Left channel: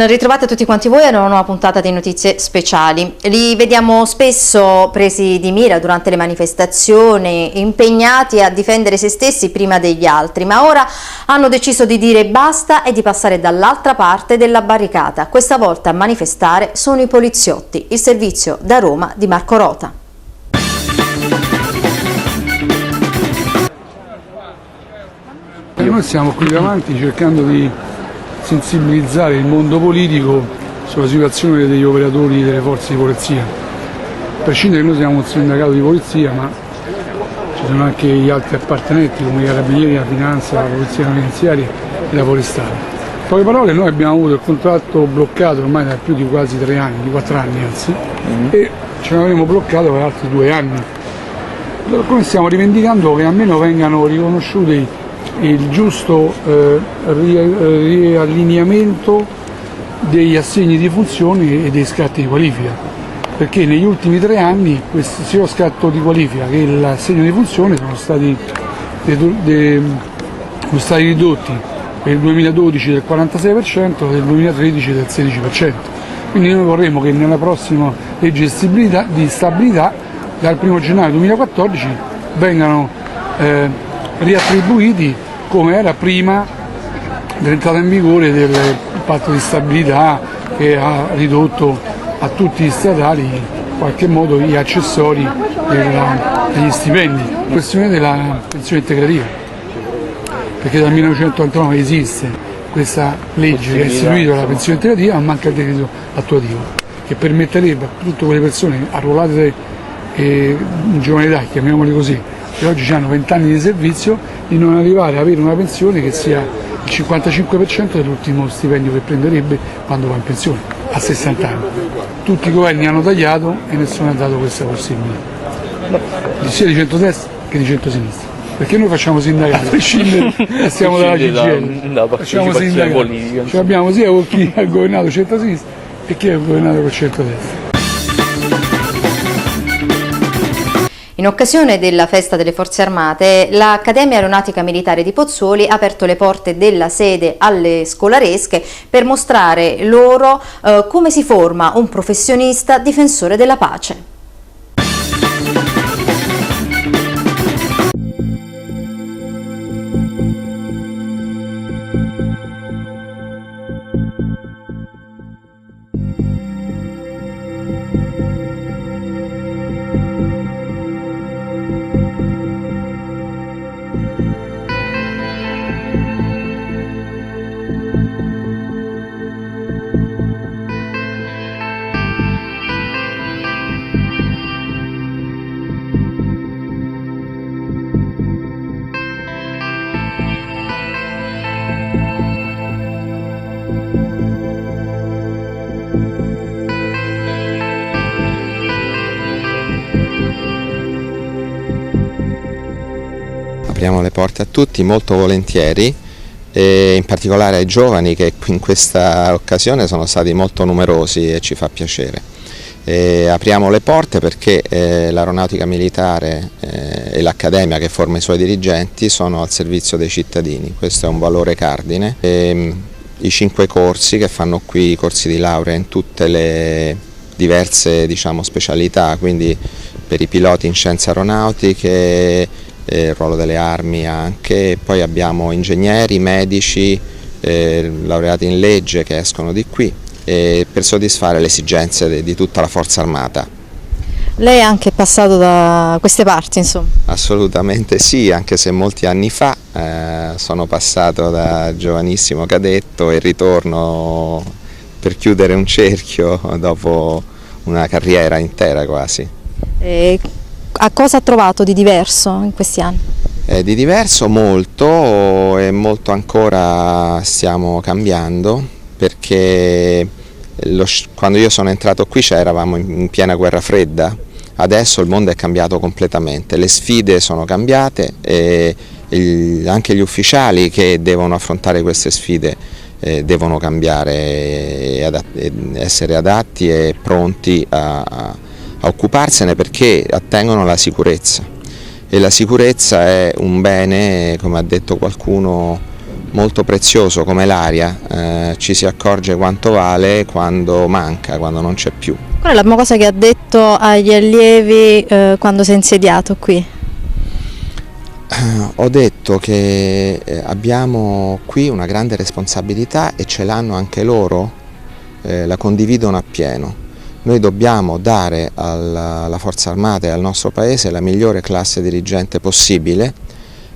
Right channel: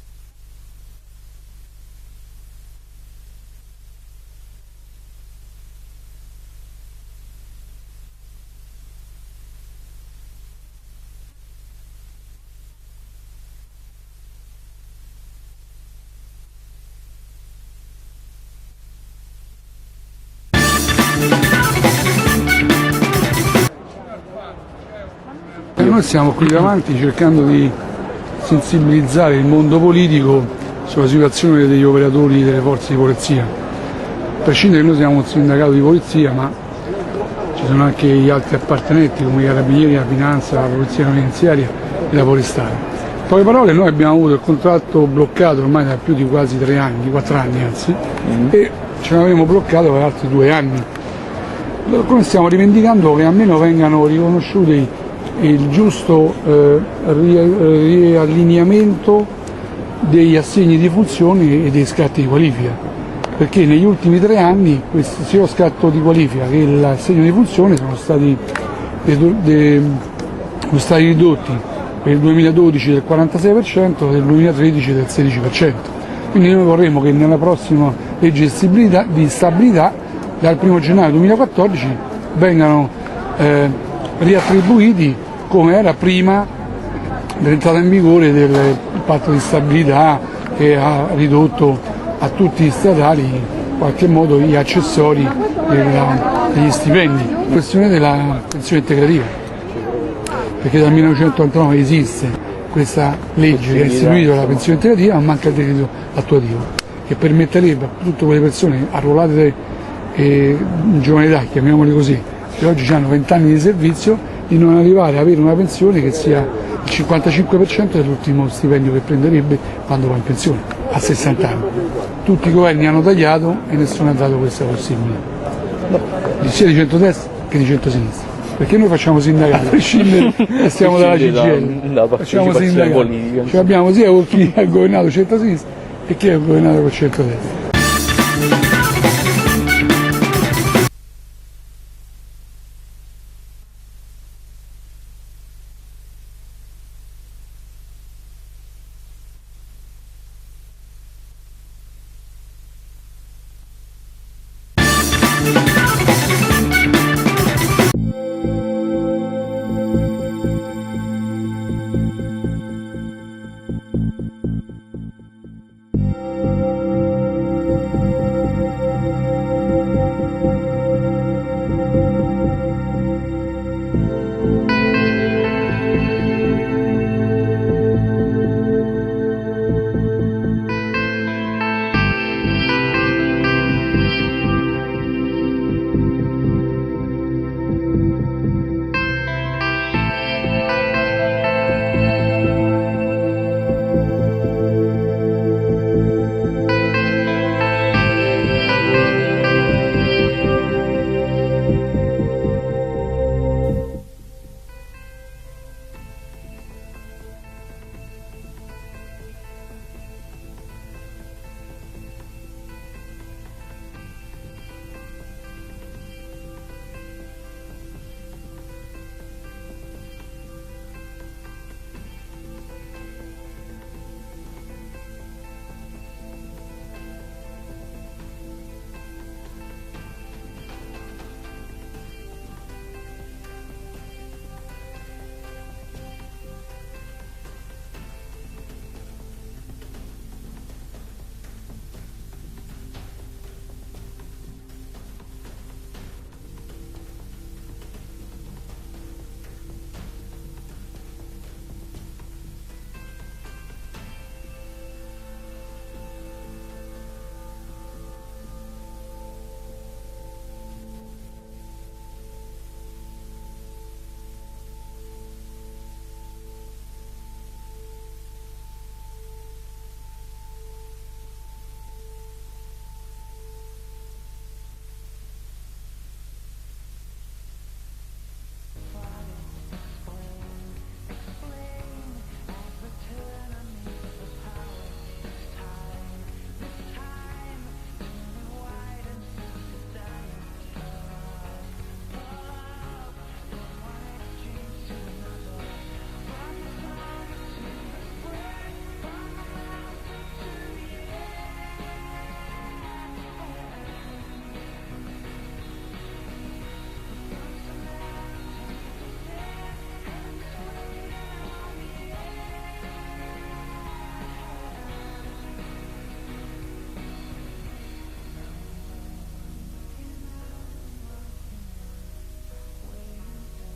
Ben ritrovati a tutti quanti voi a una nuova puntata di Notizie Speciali. Li vediamo spesso presi di mira durante le manifestazioni, impegnati a difendere se stessi prima degli altri, ma ora hanno deciso di dire basta e di passare dall'altra parte della barricata. Questa volta a manifestare sono i poliziotti, il servizio da Roma di Marco Rota. Noi siamo qui davanti cercando di sensibilizzare il mondo politico sulla situazione degli operatori delle forze di polizia. A prescindere che noi siamo un sindacato di polizia, ma ci sono anche gli altri appartenenti come i carabinieri, la finanza, la polizia penitenziaria e la forestale. In poche parole, noi abbiamo avuto il contratto bloccato ormai da più di quasi 3 anni, di 4 anni anzi, e ce l'avevamo bloccato per altri 2 anni. Come stiamo rivendicando che almeno vengano riconosciuti il giusto riallineamento degli assegni di funzioni e dei scatti di qualifica, perché negli ultimi 3 anni sia lo scatto di qualifica che l'assegno di funzione sono stati ridotti per il 2012 del 46% e del 2013 del 16%. Quindi noi vorremmo che nella prossima legge di stabilità dal 1 gennaio 2014 vengano riattribuiti come era prima dell'entrata in vigore del patto di stabilità, che ha ridotto a tutti gli statali in qualche modo gli accessori degli stipendi. La questione della pensione integrativa, perché dal 1999 esiste questa legge che ha istituito la pensione integrativa, ma manca il decreto attuativo che permetterebbe a tutte quelle persone arruolate in giovane età, chiamiamole così, che oggi hanno 20 anni di servizio, di non arrivare ad avere una pensione che sia il 55% dell'ultimo stipendio che prenderebbe quando va in pensione, a 60 anni. Tutti i governi hanno tagliato e nessuno ha dato questa possibilità, sia di centrodestra che di centrosinistra, perché noi facciamo sindacato, a prescindere e stiamo dalla CGIL, facciamo sindacato, cioè abbiamo sia chi ha governato centrosinistra e chi ha governato col centrodestra. In occasione della festa delle Forze Armate, l'Accademia Aeronautica Militare di Pozzuoli ha aperto le porte della sede alle scolaresche per mostrare loro come si forma un professionista difensore della pace. Apriamo le porte a tutti molto volentieri, e in particolare ai giovani che in questa occasione sono stati molto numerosi e ci fa piacere. Apriamo le porte perché l'aeronautica militare e l'accademia che forma i suoi dirigenti sono al servizio dei cittadini, questo è un valore cardine. I 5 corsi che fanno qui, i corsi di laurea in tutte le diverse specialità, quindi per i piloti in scienze aeronautiche, il ruolo delle armi anche, poi abbiamo ingegneri, medici, laureati in legge che escono di qui per soddisfare le esigenze di tutta la forza armata. Lei è anche passato da queste parti, insomma? Assolutamente sì, anche se molti anni fa sono passato da giovanissimo cadetto e ritorno per chiudere un cerchio dopo una carriera intera quasi. A cosa ha trovato di diverso in questi anni? Di diverso molto e molto ancora stiamo cambiando, perché quando io sono entrato qui eravamo in piena guerra fredda, adesso il mondo è cambiato completamente, le sfide sono cambiate e anche gli ufficiali che devono affrontare queste sfide devono cambiare e essere adatti e pronti a occuparsene, perché attengono alla sicurezza, e la sicurezza è un bene, come ha detto qualcuno, molto prezioso come l'aria, ci si accorge quanto vale quando manca, quando non c'è più. Qual è la prima cosa che ha detto agli allievi quando si è insediato qui? Ho detto che abbiamo qui una grande responsabilità e ce l'hanno anche loro, la condividono appieno. Noi dobbiamo dare alla Forza Armata e al nostro Paese la migliore classe dirigente possibile,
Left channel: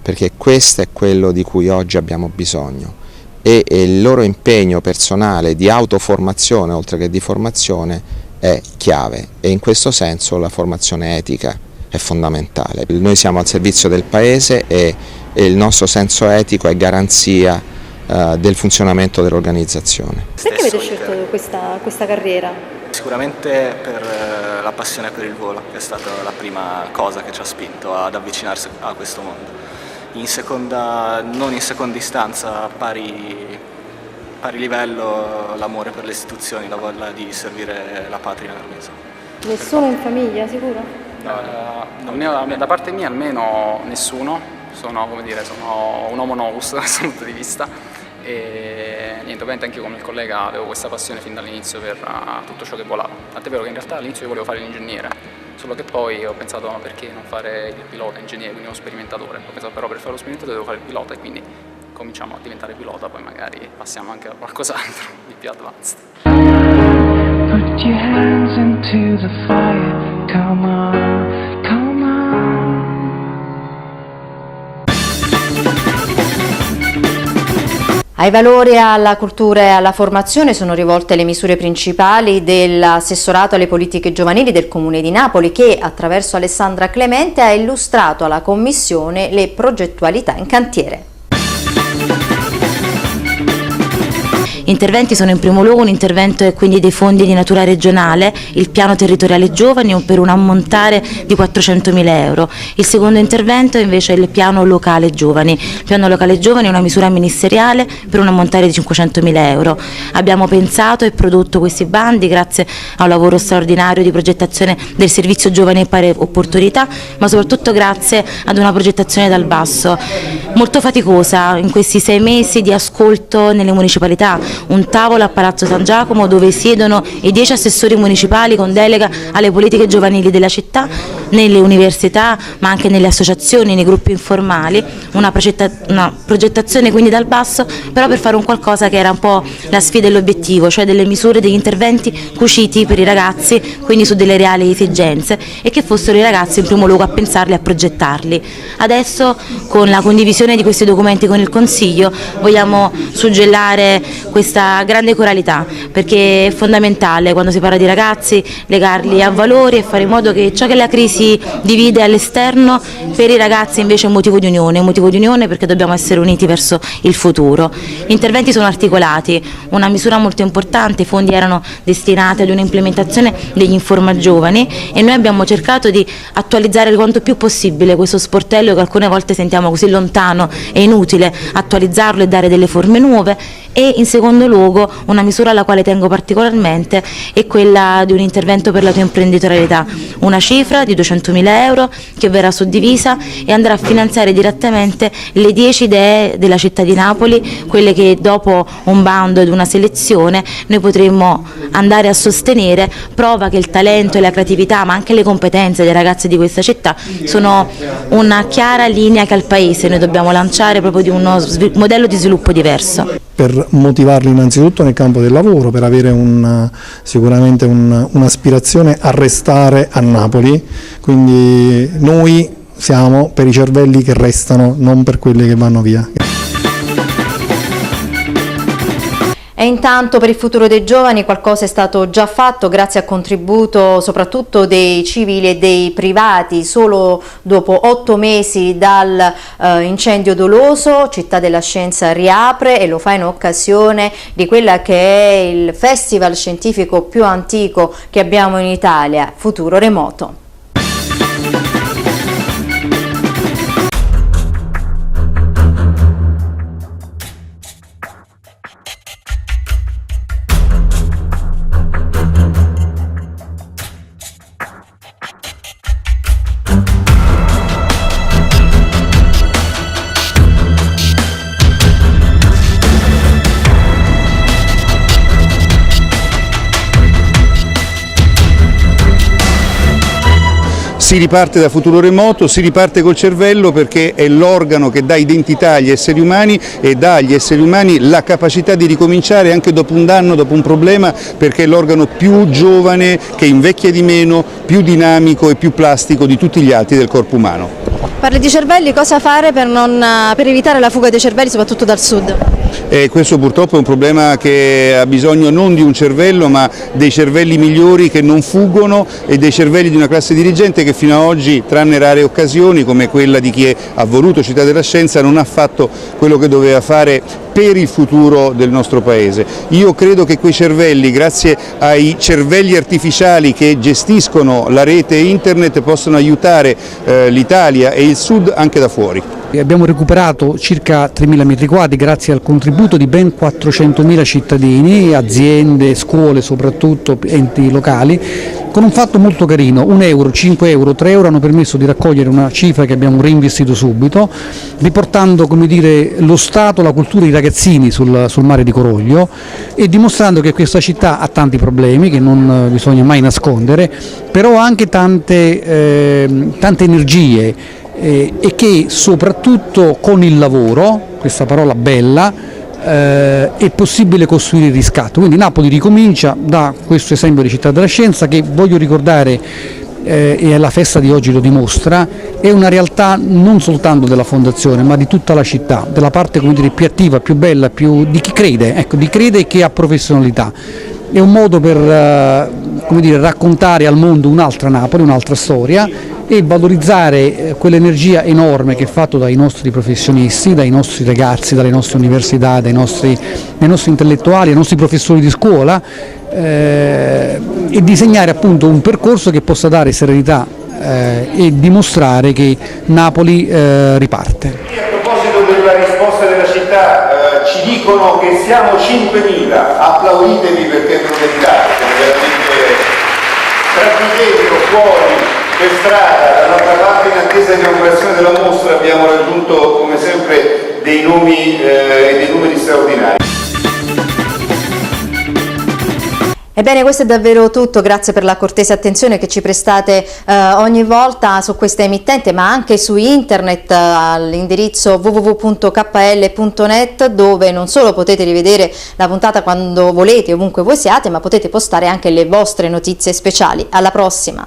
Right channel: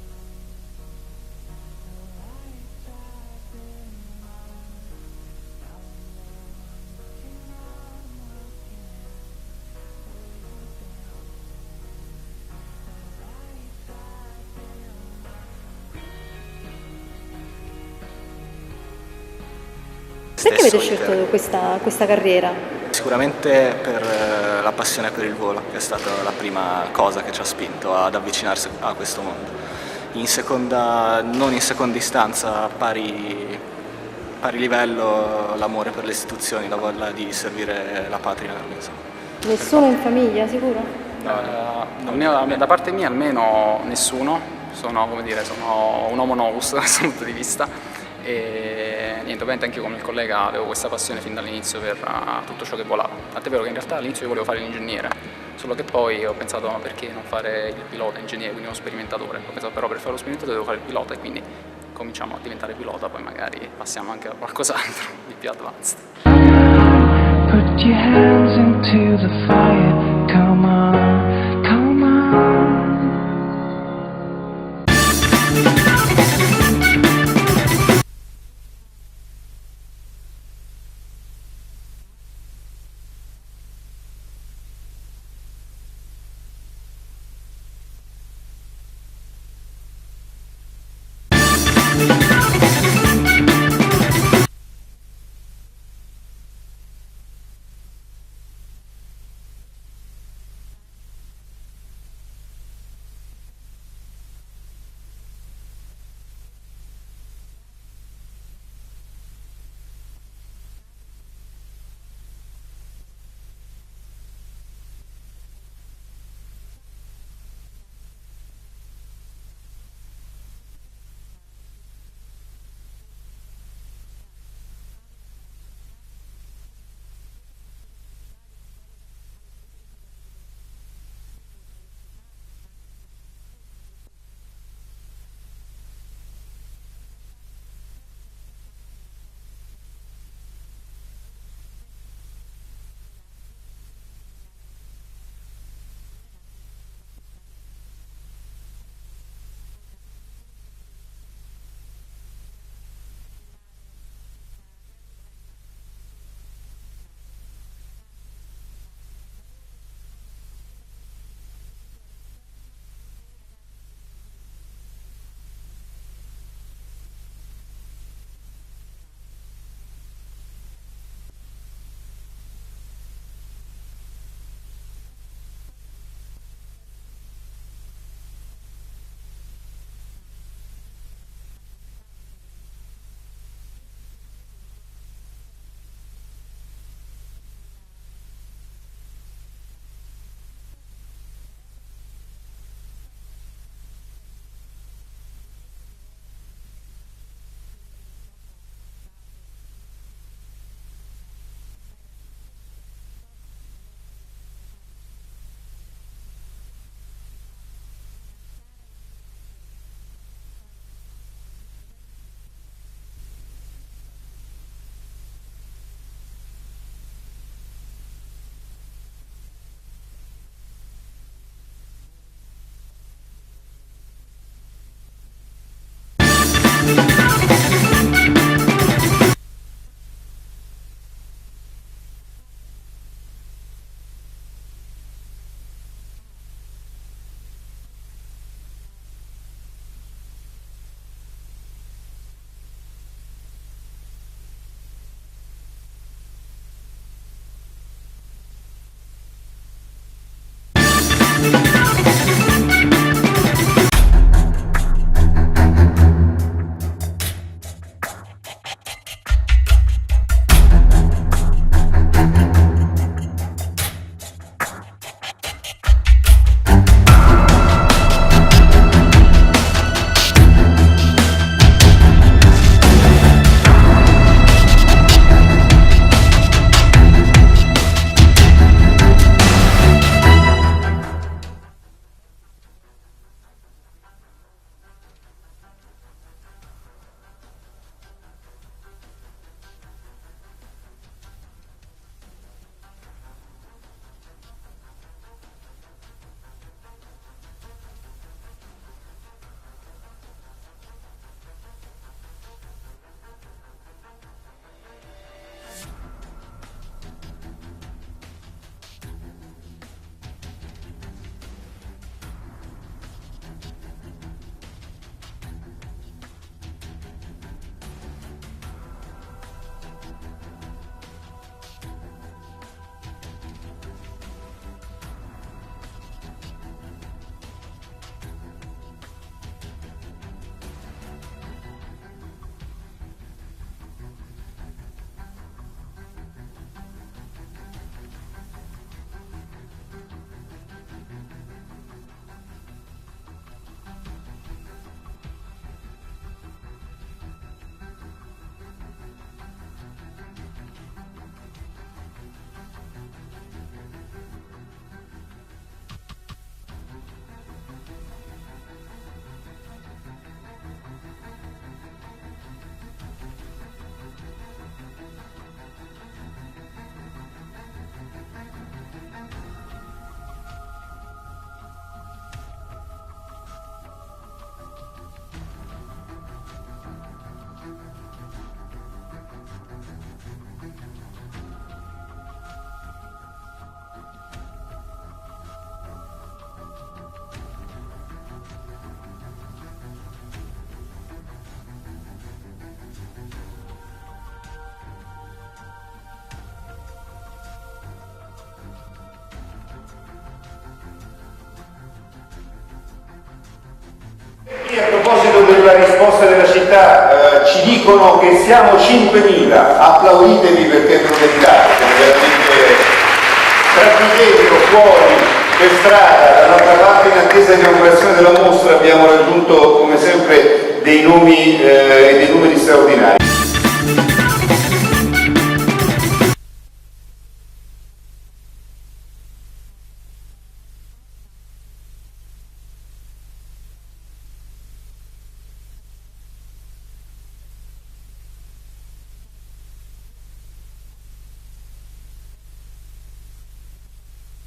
perché questo è quello di cui oggi abbiamo bisogno, e il loro impegno personale di autoformazione oltre che di formazione è chiave, e in questo senso la formazione etica è fondamentale. Noi siamo al servizio del Paese e il nostro senso etico è garanzia del funzionamento dell'organizzazione. Perché avete scelto questa carriera? Sicuramente per la passione per il volo, che è stata la prima cosa che ci ha spinto ad avvicinarsi a questo mondo. Non in seconda istanza, a pari livello, l'amore per le istituzioni, la voglia di servire la patria. Nessuno in famiglia, sicuro? Da parte mia almeno nessuno, sono un homo novus da questo punto di vista, e niente, ovviamente anche io come il collega avevo questa passione fin dall'inizio per tutto ciò che volava, tant'è vero che in realtà all'inizio io volevo fare l'ingegnere, solo che poi ho pensato ma perché non fare il pilota ingegnere, quindi uno sperimentatore, ho pensato però per fare lo sperimentatore devo fare il pilota, e quindi cominciamo a diventare pilota, poi magari passiamo anche a qualcos'altro di più advanced. Put your hands into the fire, come on, come on. Ai valori, alla cultura e alla formazione sono rivolte le misure principali dell'assessorato alle politiche giovanili del Comune di Napoli, che attraverso Alessandra Clemente ha illustrato alla Commissione le progettualità in cantiere. Interventi sono in primo luogo un intervento quindi dei fondi di natura regionale, il piano territoriale giovani per un ammontare di 400.000 euro. Il secondo intervento invece è il piano locale giovani. Il piano locale giovani è una misura ministeriale per un ammontare di 500.000 euro. Abbiamo pensato e prodotto questi bandi grazie a un lavoro straordinario di progettazione del servizio giovani e pari opportunità, ma soprattutto grazie ad una progettazione dal basso, molto faticosa in questi 6 mesi di ascolto nelle municipalità. Un tavolo a Palazzo San Giacomo dove siedono i 10 assessori municipali con delega alle politiche giovanili della città, nelle università ma anche nelle associazioni, nei gruppi informali, una progettazione quindi dal basso, però per fare un qualcosa che era un po' la sfida e l'obiettivo, cioè delle misure, degli interventi cuciti per i ragazzi, quindi su delle reali esigenze, e che fossero i ragazzi in primo luogo a pensarli e a progettarli. Adesso con la condivisione di questi documenti con il Consiglio vogliamo suggellare questa grande coralità, perché è fondamentale quando si parla di ragazzi legarli a valori e fare in modo che ciò che la crisi divide all'esterno per i ragazzi invece è un motivo di unione perché dobbiamo essere uniti verso il futuro. Gli interventi sono articolati, una misura molto importante, i fondi erano destinati ad un'implementazione degli Informa Giovani e noi abbiamo cercato di attualizzare quanto più possibile questo sportello che alcune volte sentiamo così lontano e inutile, attualizzarlo e dare delle forme nuove. E in secondo luogo una misura alla quale tengo particolarmente è quella di un intervento per la tua imprenditorialità, una cifra di 200.000 euro che verrà suddivisa e andrà a finanziare direttamente le 10 idee della città di Napoli, quelle che dopo un bando ed una selezione noi potremmo andare a sostenere, prova che il talento e la creatività ma anche le competenze dei ragazzi di questa città sono una chiara linea che al Paese noi dobbiamo lanciare proprio di uno modello di sviluppo diverso. Per motivarli innanzitutto nel campo del lavoro, per avere sicuramente un'aspirazione a restare a Napoli, quindi noi siamo per i cervelli che restano, non per quelli che vanno via. E intanto per il futuro dei giovani qualcosa è stato già fatto grazie al contributo soprattutto dei civili e dei privati. Solo dopo 8 mesi dal incendio doloso, Città della Scienza riapre e lo fa in occasione di quella che è il festival scientifico più antico che abbiamo in Italia, Futuro Remoto. Si riparte da Futuro Remoto, si riparte col cervello, perché è l'organo che dà identità agli esseri umani e dà agli esseri umani la capacità di ricominciare anche dopo un danno, dopo un problema, perché è l'organo più giovane, che invecchia di meno, più dinamico e più plastico di tutti gli altri del corpo umano. Parli di cervelli, cosa fare per evitare la fuga dei cervelli, soprattutto dal sud? Questo purtroppo è un problema che ha bisogno non di un cervello, ma dei cervelli migliori che non fuggono e dei cervelli di una classe dirigente che fino ad oggi, tranne rare occasioni come quella di chi ha voluto Città della Scienza, non ha fatto quello che doveva fare per il futuro del nostro Paese. Io credo che quei cervelli, grazie ai cervelli artificiali che gestiscono la rete internet, possano aiutare l'Italia e il Sud anche da fuori. Abbiamo recuperato circa 3.000 metri quadri grazie al contributo di ben 400.000 cittadini, aziende, scuole soprattutto, enti locali, con un fatto molto carino: 1 euro, 5 euro, 3 euro hanno permesso di raccogliere una cifra che abbiamo reinvestito subito, riportando, come dire, lo Stato, la cultura, i ragazzini sul mare di Coroglio, e dimostrando che questa città ha tanti problemi che non bisogna mai nascondere, però ha anche tante energie, e che soprattutto con il lavoro, questa parola bella, è possibile costruire il riscatto. Quindi Napoli ricomincia da questo esempio di Città della Scienza, che voglio ricordare, e la festa di oggi lo dimostra, è una realtà non soltanto della fondazione ma di tutta la città, della parte, come dire, più attiva, più bella, di chi crede, ecco, di crede e che ha professionalità. È un modo per come dire, raccontare al mondo un'altra Napoli, un'altra storia, e valorizzare quell'energia enorme che è fatta dai nostri professionisti, dai nostri ragazzi, dalle nostre università, dai nostri intellettuali, dai nostri professori di scuola, e disegnare appunto un percorso che possa dare serenità e dimostrare che Napoli riparte. A proposito della risposta della città, ci dicono che siamo 5.000, applauditevi perché non meritate, veramente tranquillo fuori per strada. Dall'altra parte, in attesa di inaugurazione della mostra, abbiamo raggiunto come sempre dei nomi e dei numeri straordinari. Ebbene, questo è davvero tutto, grazie per la cortese attenzione che ci prestate ogni volta su questa emittente, ma anche su internet all'indirizzo www.kl.net, dove non solo potete rivedere la puntata quando volete, ovunque voi siate, ma potete postare anche le vostre notizie speciali. Alla prossima!